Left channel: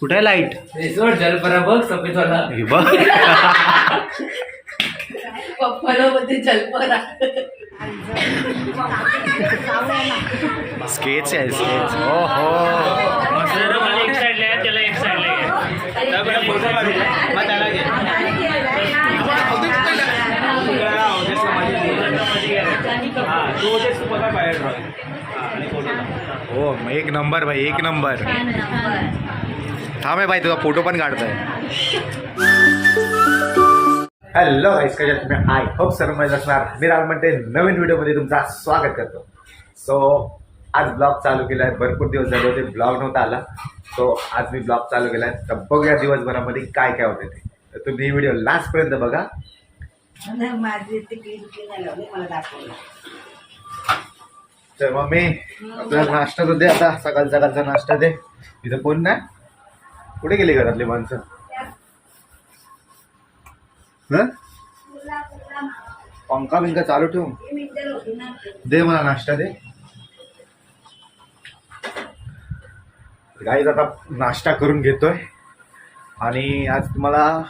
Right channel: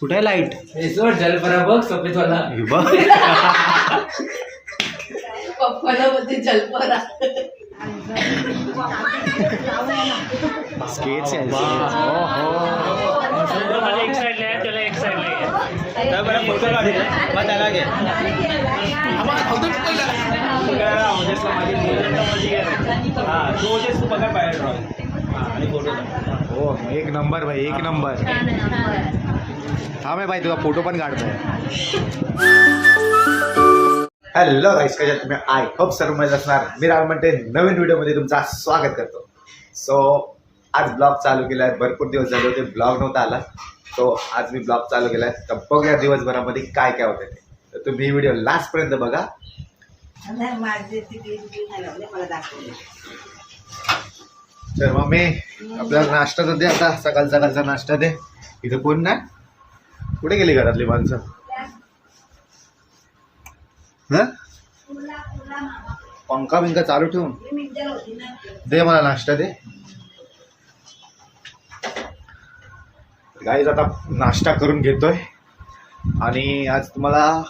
कुठे आहे लाईट? जलपरा बघ सफेदवाला हे बघ पप्पाला मध्ये जलपरा स्केच आहे स्केच. हो हो एक साइडला आहे त्याला एक साइडला हो एक नंबर भाई एक नंबर. थांब आहे भाई तुझा फोटो पण काढतोय. हॅलो गाईस, कशा तुम्ही? आय होप सर्व मजेत असणार. मी राहुल म्हणते नवीन व्हिडिओमध्ये तुमचं स्वागत करतो. सो आज ब्लॉग चालू केला आहे. भरपूर दिवस झाले होते ब्लॉग नव्हता आला, तो आज मी ब्लॉग चालू केला आहे. तर बघूया दिवसभरामध्ये काय काय होते ते. तर तुम्ही ही व्हिडिओ लास्टपर्यंत बघा. माझे तिकडे मला दाखवलं. तर मम्मी आपल्याला नाश्ता तर दे आता. सकाळचा नाश्ता दे. इथं कोण नाही? कुठे गेली घरातली माणसं? पंखा बिंका चालू ठेवून दे मला नाश्ता दे. गाईज आता नाश्ता करून घेतोय आणि आज तुम्हाला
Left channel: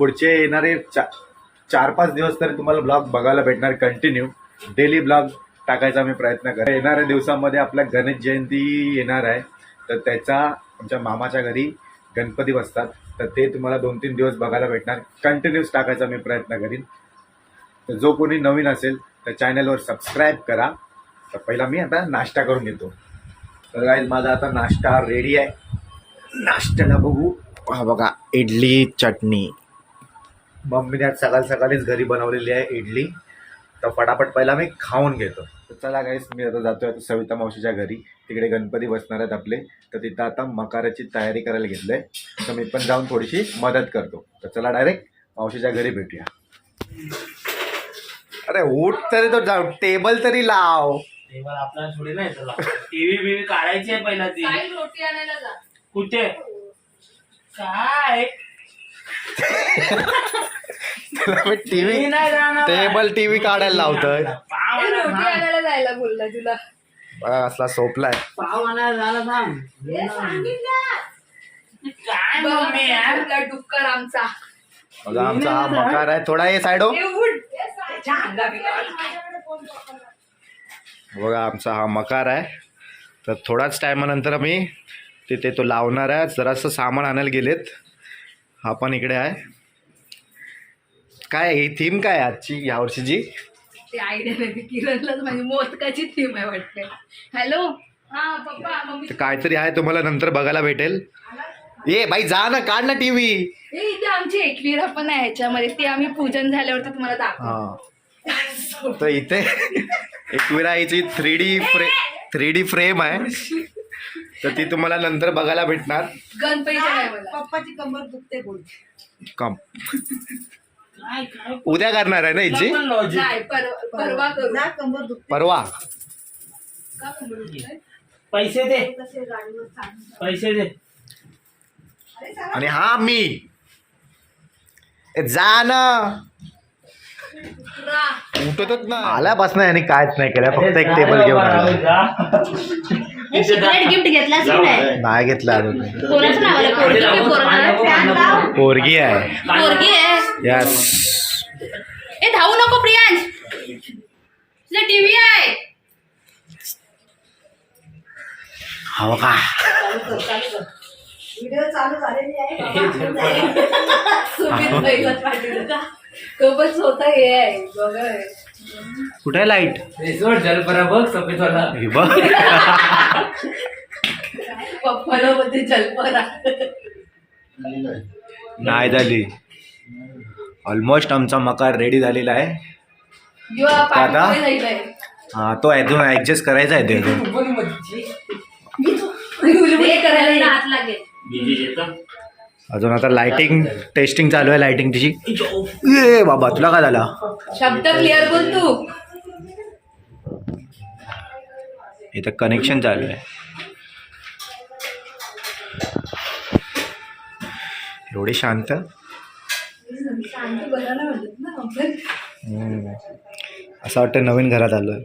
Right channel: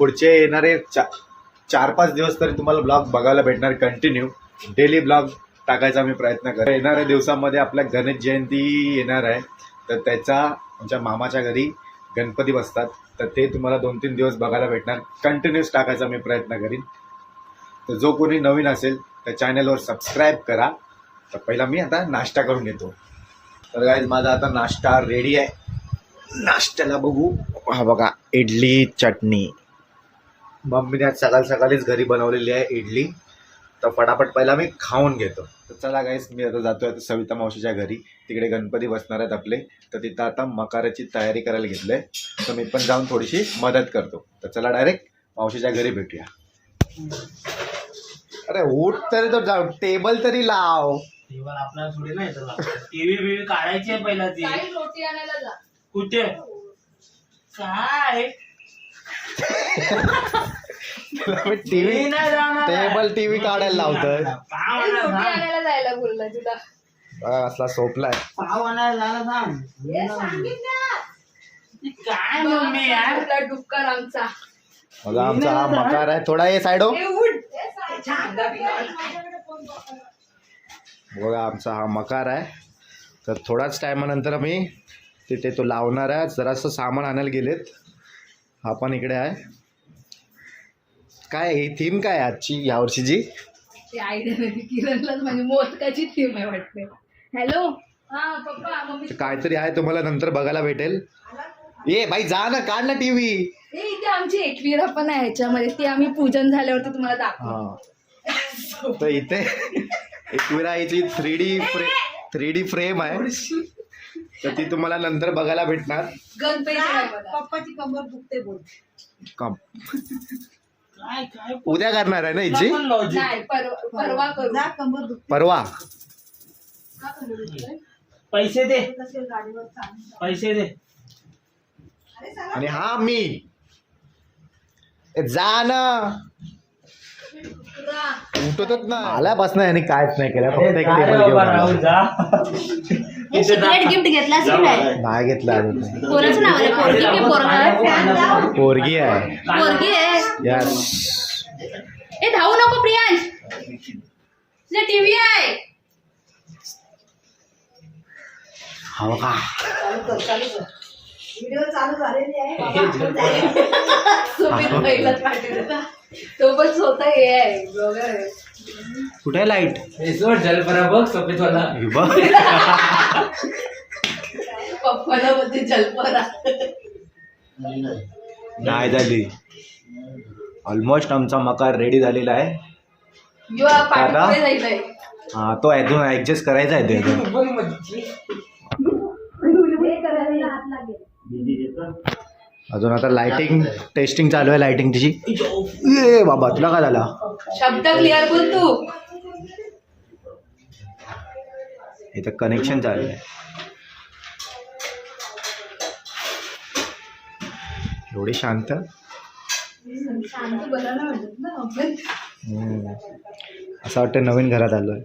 पुढचे येणारे 4-5 दिवस तरी तुम्हाला ब्लॉग बघायला भेटणार. कंटिन्यू डेली ब्लॉग टाकायचा मी प्रयत्न करेन. येणाऱ्या दिवसामध्ये आपल्या गणेश जयंती येणार आहे, तर त्याचा आमच्या मामाच्या घरी गणपती बसतात, तर ते तुम्हाला 2-3 दिवस बघायला भेटणार. कंटिन्यूस टाकायचा मी प्रयत्न करीन. तर जो कोणी नवीन असेल तर चॅनलवर सबस्क्राईब करा. तर पहिला मी आता नाश्ता करून घेतो. तर गाईज माझा आता नाश्ता रेडी आहे. नाश्त्याला बघू. हा बघा इडली चटणी. मम्मीने आज सकाळीच घरी बनवलेली आहे इडली. तर फटाफट पहिला मी खाऊन घेतो. तर चला गाईज मी आता जातोय आता सविता मावशीच्या घरी. तिकडे गणपती बसणार आहेत आपले, तर तिथं आता मकाराची तयारी करायला घेतलंय. तर मी पण जाऊन थोडीशी मदत करतो. तर चला डायरेक्ट मावशीच्या घरी भेटूया. अरे उठ तरी तो जाऊ, टेबल तरी लाव. टेबल आपल्याला थोडी नाही त्याला टीव्ही बीव्ही काढायची आहे पहिला. ती रोटी आणायला जा. कुठे काय टीव्ही टेबल काढायला लावतोय. रोटी आणायला जायला बोलला तुला. बघा असला सोपलाय. पाव आणायला झाला सांग काय मम्मी यार. तुला डुक्कर आमचा. बघा आमचा हा मकार आहे. थोडा ये साईड हो. बघा आमचा हा मकार आहे. तर थोडाच टायमानंतर आम्ही तिथे तो लावणार आहे. जरासं सामान आणायला गेलेत. हा पण इकडे आहे. काय ही थीम काय आजची यावर्षीची? ती आयडिया नाही. किरणलाच माझी मोदकाची थीम आहे वाटते. हॅलो हा पप्पा मम्मी. तर काहीतरी आहे, तुम्हाला नंतर बघायला भेटेल. ए बाई जा ना, काढ ना टीव्ही. इथे आमची एकविरा पण आहे ह्याच्यामध्ये. ती आम्ही पूजन झाल्यावरती तुम्हाला दाखवू. हा तर इथे एकविराईची 3D फ्रेम आहे, तर ती तुम्हाला नंतर बघायला भेटणार. गणपती पप्पाची कंबर दुखते बोल. कम उद्या करणार आहे ना हिची? नाही परवा करू. कंबर दुखते. परवा का कंबर दुखते? पैसे दे पैसे दे. आणि हा मी जा ना. उठतच ना. आल्यापासून यांनी कायच नाही केलं, फक्त एक टेबल घेऊन आला. गिफ्ट घेतलास की नाही? नाही घेतला अजून. कोणाचं नाव आहे? पोरगी आहे. पोरगी आहे. यस. ए धावू नको प्रियांश, तुझा टीव्ही आहे. हो का? व्हिडिओ चालू झालेली आहे. तो पण स्वतः हे आहे ब्लॉगर आहे. कुठे आहे लाईट? जलपरा बघ सफेदवाला हे बघ. पप्पाला मध्ये जलपरा नाही झाली. ऑलमोस्ट आमचा मकार रेडी झालेला आहे. दादा हा तो अजून ऍडजस्ट करायचा आहे. ते अजून आता लाइटिंग टेस्टिंग चालू आहे. लाइटिंग तिची. ए बाबा तुला काय झाला? शब्द क्लिअर बोल तू. इथं कनेक्शन चालू आहे. एवढी शांत. असं वाटतं नवीन घरात आलोय.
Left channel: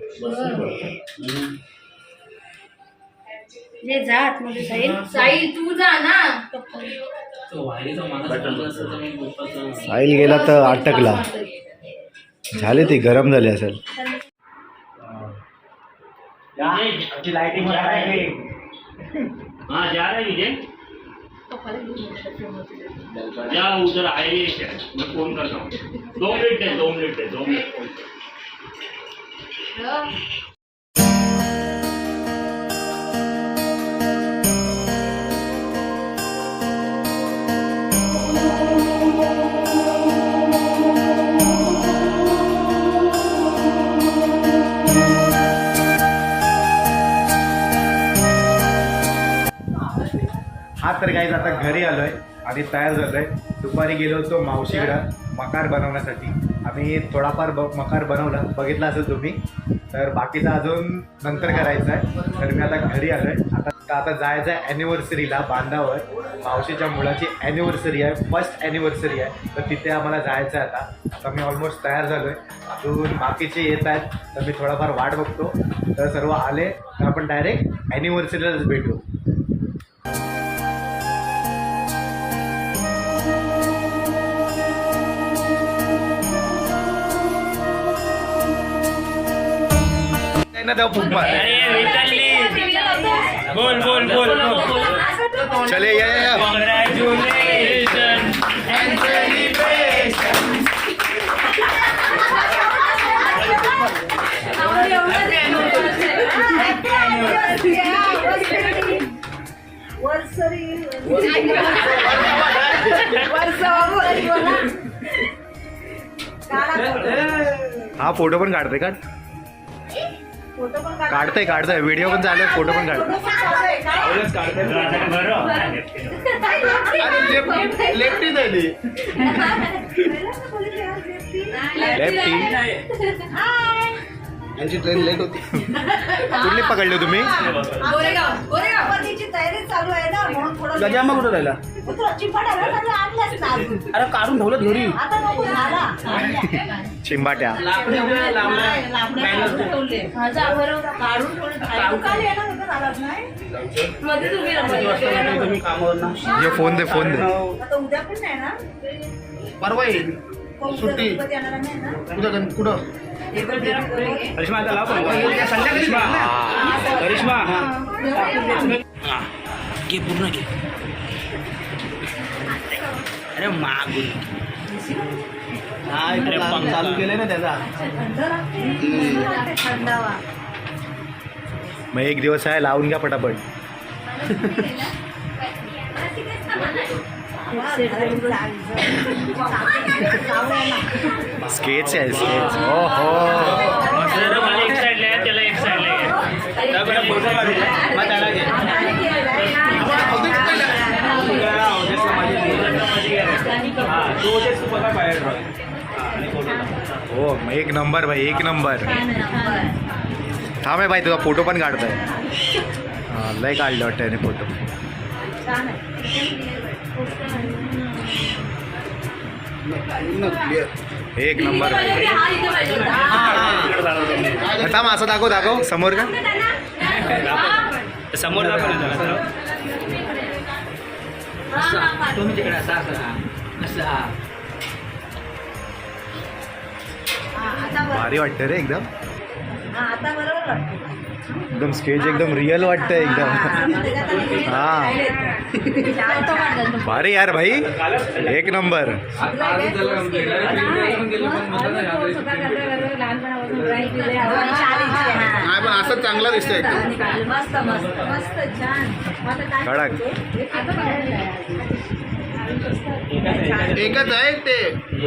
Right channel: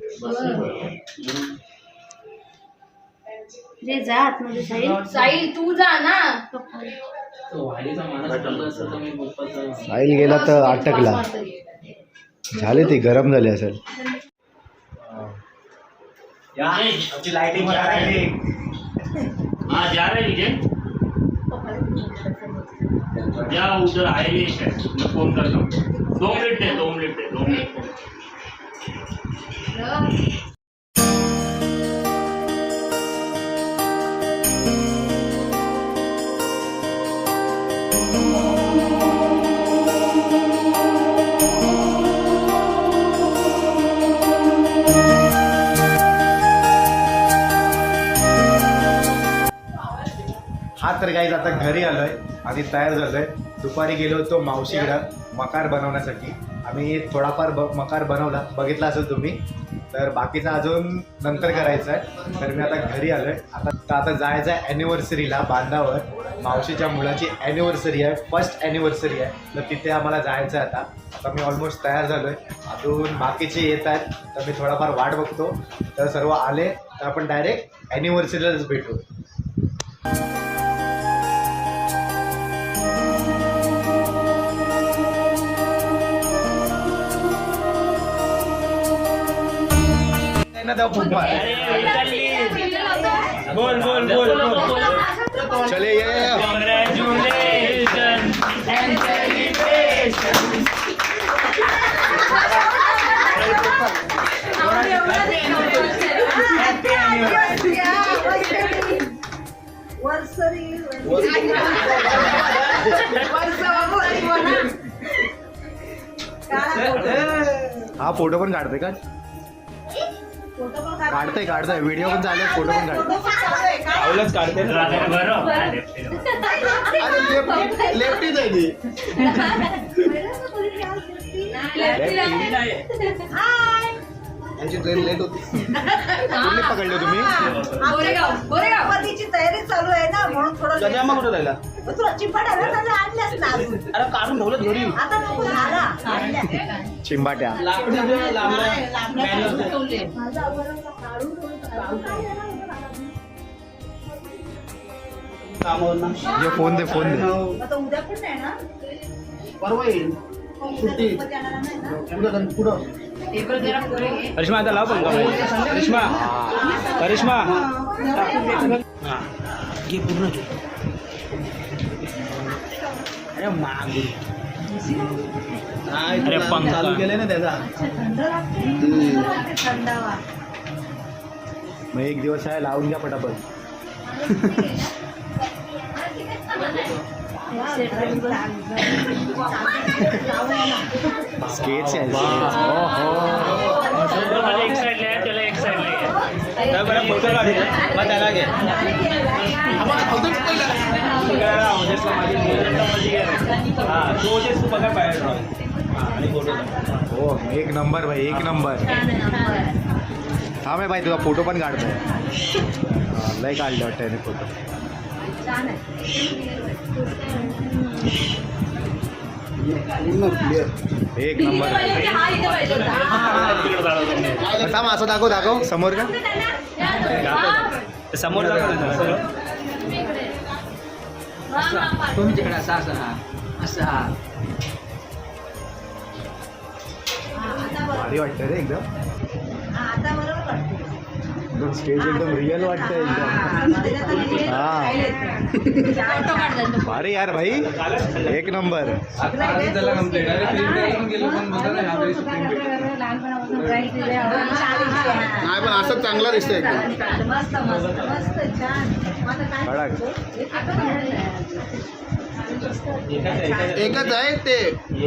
जे जा आतमध्ये साईल तू जा ना. तो वाहिनीचा माणूस बोलला असता तर मी गोपाचं- साहिल गेला तर अटकला. झाले ते गरम झाले असेल. लाइटिंग हाँ जा रहे हैं विजय जा उधर हाईवे है मैं फोन करता हूँ 2 मिनट है 2 मिनट है 2 मिनट हा तर काही आता घरी आलोय आणि तयार झालोय. दुपारी गेलो होतो मावशीकडं मकार बनवण्यासाठी. आम्ही थोडाफार मकार बनवला, बघितला असेल तुम्ही. तर बाकीचा अजून नंतर करायचा आहे. तर मी आता घरी आलोय. आता जायचं आहे ॲनिव्हर्सरीला बांधावर. मावशीच्या मुलाची ॲनिव्हर्सरी आहे, फर्स्ट ॲनिव्हर्सरी आहे. तर तिथे आम्हाला जायचं आहे. आता मी ऑलमोस्ट तयार झालोय. अजून बाकीचे येत आहेत तर मी थोडाफार वाट बघतो. तर सर्व आले तर आपण डायरेक्ट ॲनिव्हर्सरीलाच भेटू. ना त्या फुकमार. बोल बोल बोल बोल चले या हा फोटो पण काढते का? काढताय व्हिडिओ पण चालू आहे, फोटो पण काढते. लेफ्टी झाली लेफ्टी ट्रेन लेट होती. कुठली पकडली तुम्ही? तयारी चालू आहे ना म्हणून थोडं गजामा कुठं राहिला? तुला चिंपाट आणलास ना अजून. अरे काढून ठेवलं घरी. आता नको झाला चिंबाट्या ये फोन दे फोन दे. आता उद्या पण नाही ना परवा येईल सुट्टी. उद्या कुठं? करिश्मा आता लाव करिश्मा घे पूर्ण घे. अरे माग चालू केले ना त्याचा. थंडावा मग एक दिवस आहे, लावून घ्या पटापट. स्केच आहे स्केच. हो हो एक साइड ले त्याला एक साइड ले हो मग एक नंबर भाई, एक नंबर. थांब आहे भाई, तुझा फोटो पण काढताय. लय काढलं वाटतं याने फोटो. एक नंबर भाई. थांब असं दाखव समोर का. समोर तुम्ही तिकडे असं भारी वाटतं रे एकदम. आता बरोबर वाटतं. एकदम स्केच एकदम रिअल वाटतं एकदम. हा भारी यार भाई, एक नंबर. नाही पण असं चांगला दिसतोय एकदम मस्त मस्त मस्त छान. आता काय कडक. एकच आहे ते.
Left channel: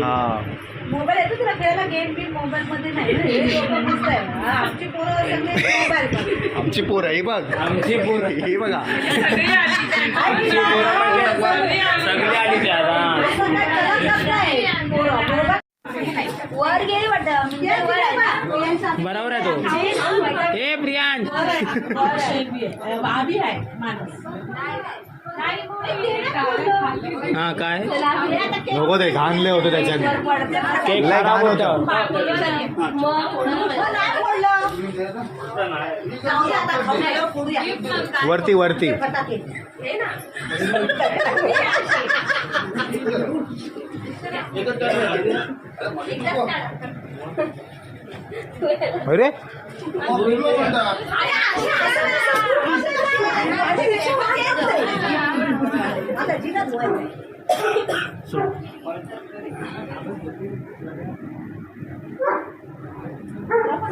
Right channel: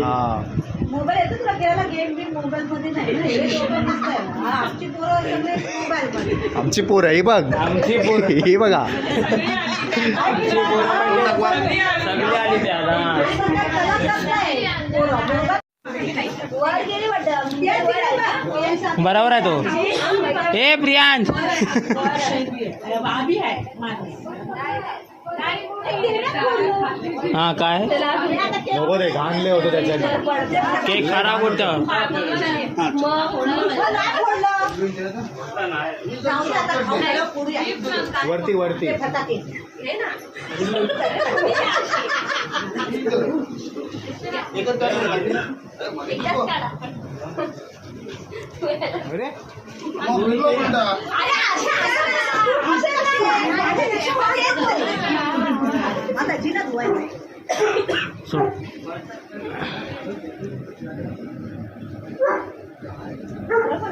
हा मोबाईल येतो तुला खेळायला. गेम बिम मोबाईल मध्ये नाही ना. हे दोघं मस्त आहे. हा, आमची पोरं सगळे मोबाईल. आमची पोर ही बघ, आमची पोर ही बघा. वर गेली वाटतं. बरोबर आहे तो. ए प्रियांश हा काय नको ते घाणले होते त्याच्याने. केक खराब होतं. जाऊ दे आता, खाऊ घालू, पुढे या. वरती वरती फटाके. हे ना. अरे आता जिना धुवायचं.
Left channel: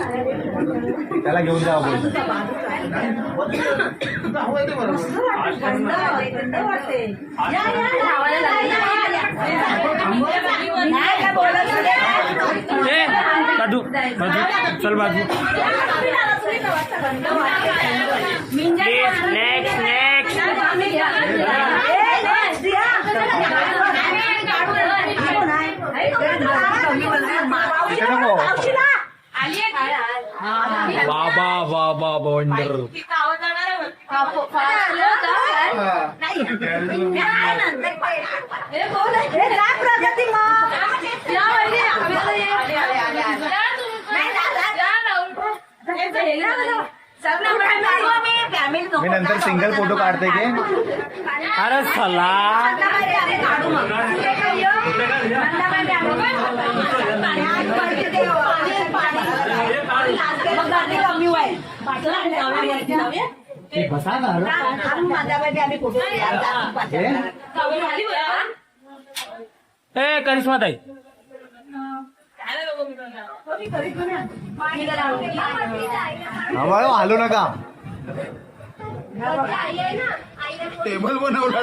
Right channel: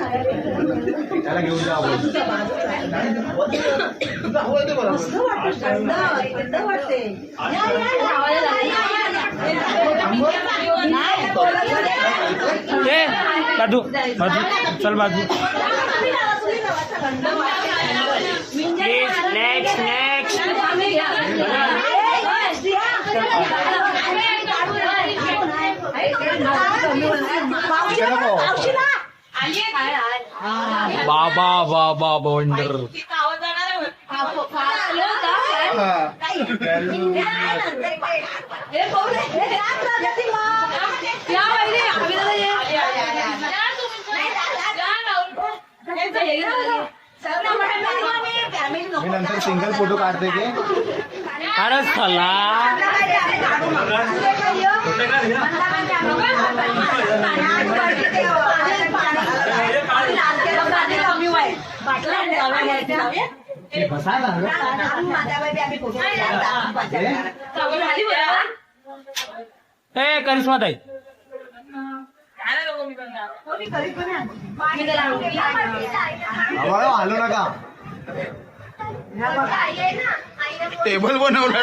त्याला घेऊन जा थंड वाटते. या, या, या. बाजू चल बाजू नेक्स्ट नेक्स्ट बाबा बाबा वंडर मी नंतर सिंगल फोटो काढते की अरे चला ए करिश्मा ताई हलू नका टेबल बनवलं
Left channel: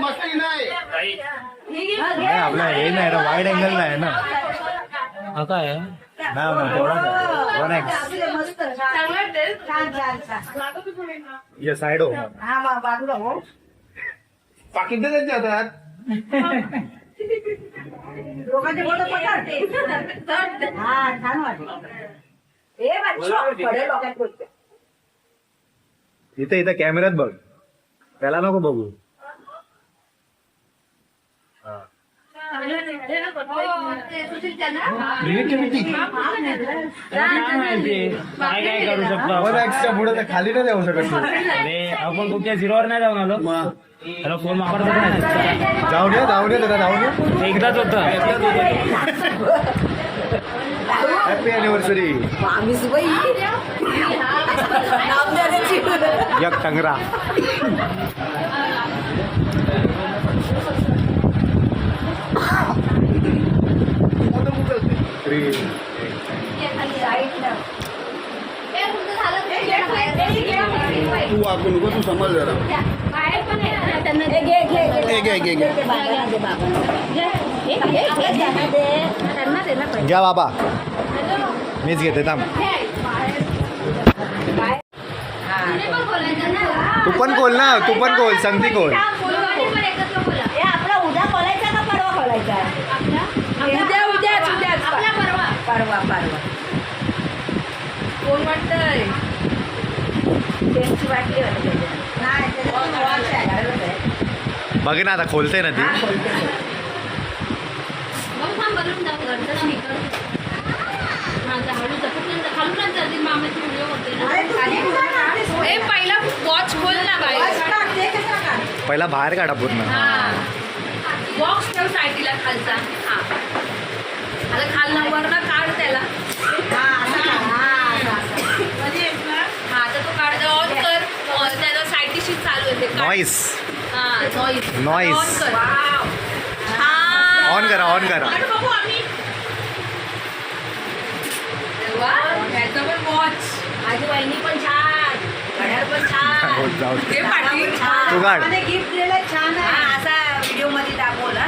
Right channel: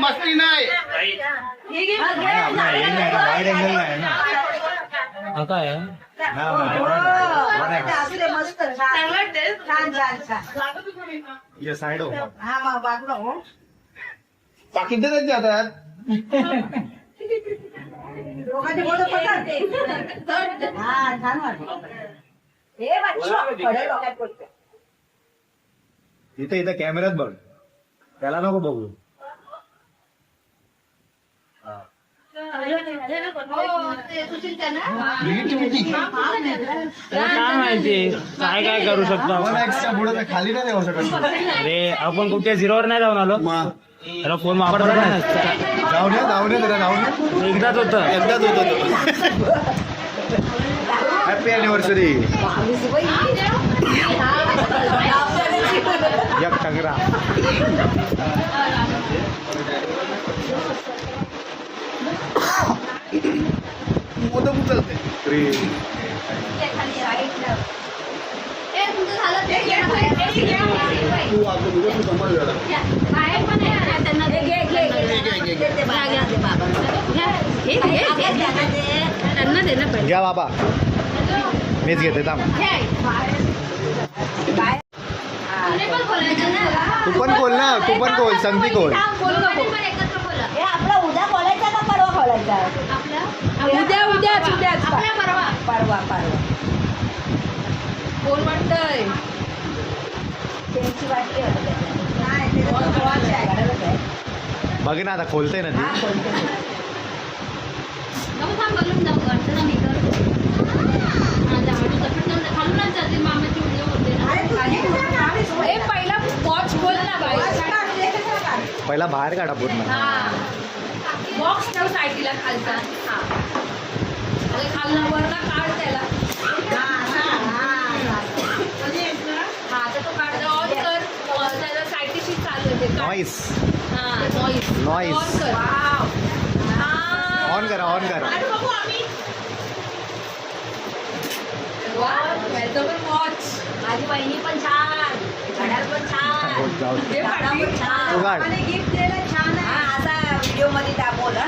मस्ती नाही वाईड अँगल नाही ना हा काय ये साइड हो पाकिट त्यांच्या हातात इथे इथं कॅमेऱ्यात बघ त्याला नको बघू काय माहिती काय काय करू शकतो आपण पुढे खाली नाही जाऊ शकत अरे आपण कुठच्या झिरोवर नाही जाऊन आलो अरे फोन वापरत नाही जाऊ दे त्याला जाऊ दे एकदाच होतं हॅपी अॅनिव्हर्सरी एक टंगरा घ्या बाबा मीच घेते थांब तू पण खोल ना तू पण खोल संगती खोल आपला उद्या खोलायचा का परवा खोलायचा परवा त्यांची वाटली बघ ना आता खोलते ना ती पहिला वॉच खोल ना गाईस पहिला बाहेर काढा पूर्ण बॉक्स ठेव साईडला खालचा आता खालना वरना काढ त्याला आता तो काढ ऑन कर त्याला साईडशी चालू होते नॉईस नॉईस नॉईस ऑन करा ऑन करा त्याचं पण वॉच माझी बहिणी पण छान घड्याळ पण छान जाऊ दे. हे पाठी तू काढ गिफ्ट दिलेलं छान आहे असा व्हिडिओ मध्ये दाखवला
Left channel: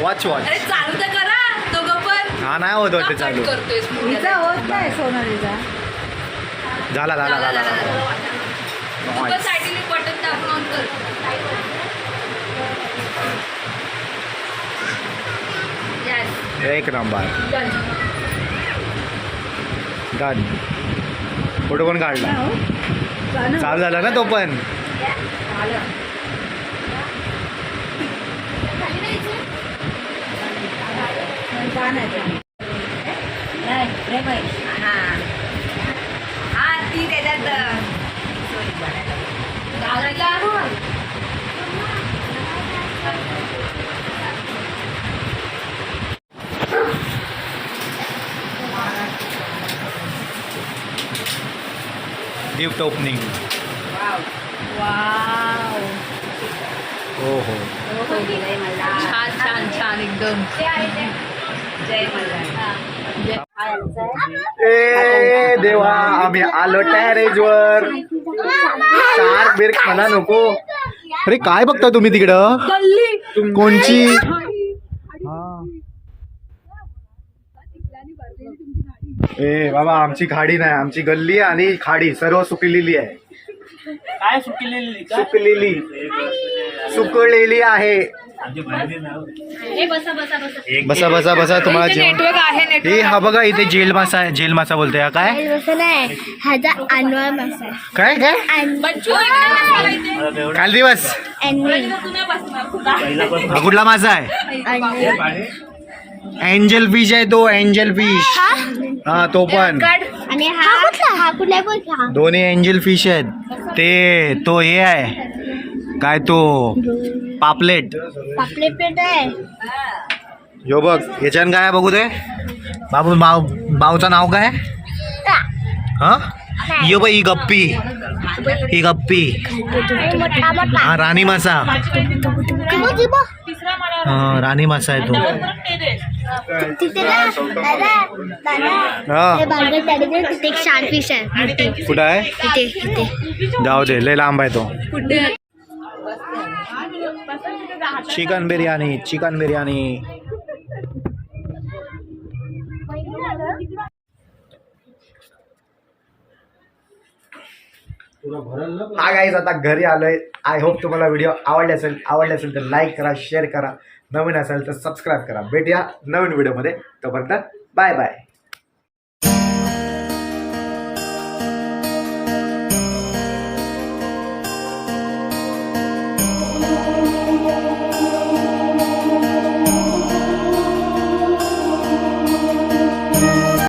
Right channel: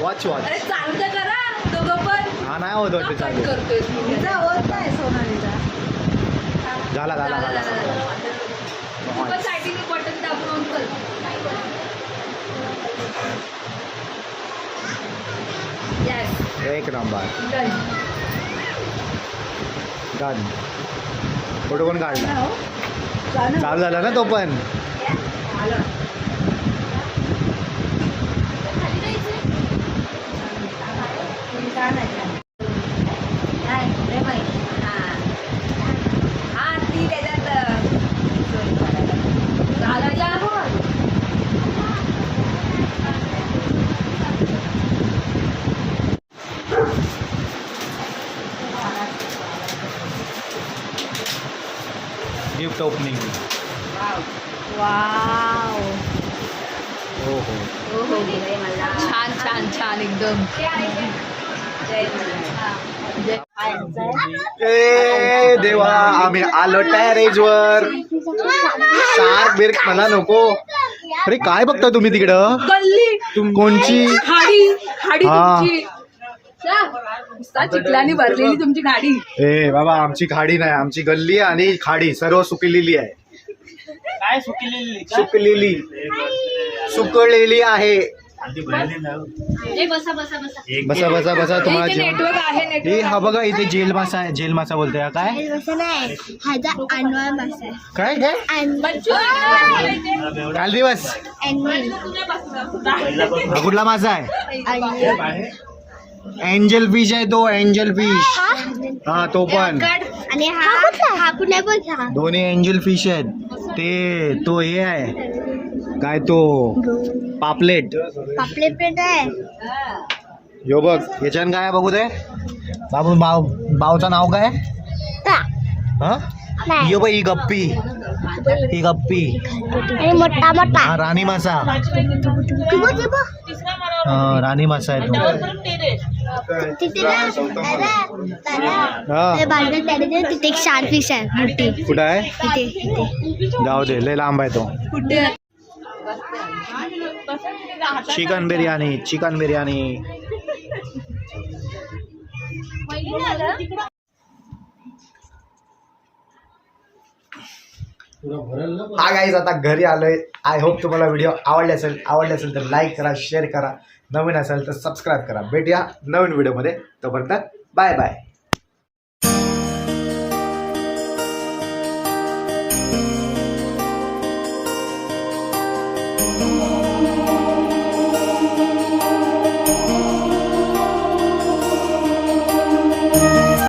वॉच वॉच अरे चालू तर करा दोघं पण हा नाही होत वाटते चालू करतोय हिचा होत नाही सोनालीचा झाला झाला झाला Nice. साईडीने बटन दाबून ऑन कर Yes, एक नंबर done. डन फोटो कोण काढला चालू झाला ना तो पण हा ती त्याच्यात घालायला गिफ्ट ओपनिंग. हो हो. छान छान छान एकदम ए देवा आम्ही आलो टॅरेज वर. शार्क बिर्क मला नको. अरे काय बघता तुम्ही तिकडं? गल्ली कोणची? खाडी खाडी हा. तुमची नुसता चिखलाने भरलेली तुमची गाडी. ए बाबा आमची खाडी नाही, आमची गल्ली आणि खाडी सर्व सुकलेली आहे. काय सुकलेली का? सुकलेली सुकलेली आहे. बसा बसा बसा तुम्हाला जेवण. नेटवर्क आहे हे नेटवर्क. हा बघा इथे जेल मासा आहे. जेल मासा बोलतोय हा काय काय काय काल दिवस कुठला मासा आहे? एंजल फिश आहे तो. एंजल फिश हा तो पण. आणि हा कुठला पण दोन्ही एंजल फिश आहेत. ते तो हे आहे काय तो पापलेट. पापलेट पेट आहे. यो बघ याच्यान काय आहे बघू दे बाबू. बावचं नाव काय? हा यो बघ ही गप्पी. ही गप्पी मोठा मोठा हा राणी मासा. चिबो चिबो हा राणी मासा आहे तो. तिथे ना हा ते बाजूला त्याने तिथे एक शार्क फिश आहे मोठी. कुठं आहे? तिथे जाऊ दे लय लांब आहे तो. कुठे चिकन बिर्याणी. चिकन बिर्याणी. हा गाईज आता घरी आलोय. आय होप तुम्हाला व्हिडिओ आवडले असेल तर लाईक करा, शेअर करा. नवीन असेल तर सबस्क्राईब करा. भेटूया नवीन व्हिडिओमध्ये. तोपर्यंत बाय बाय.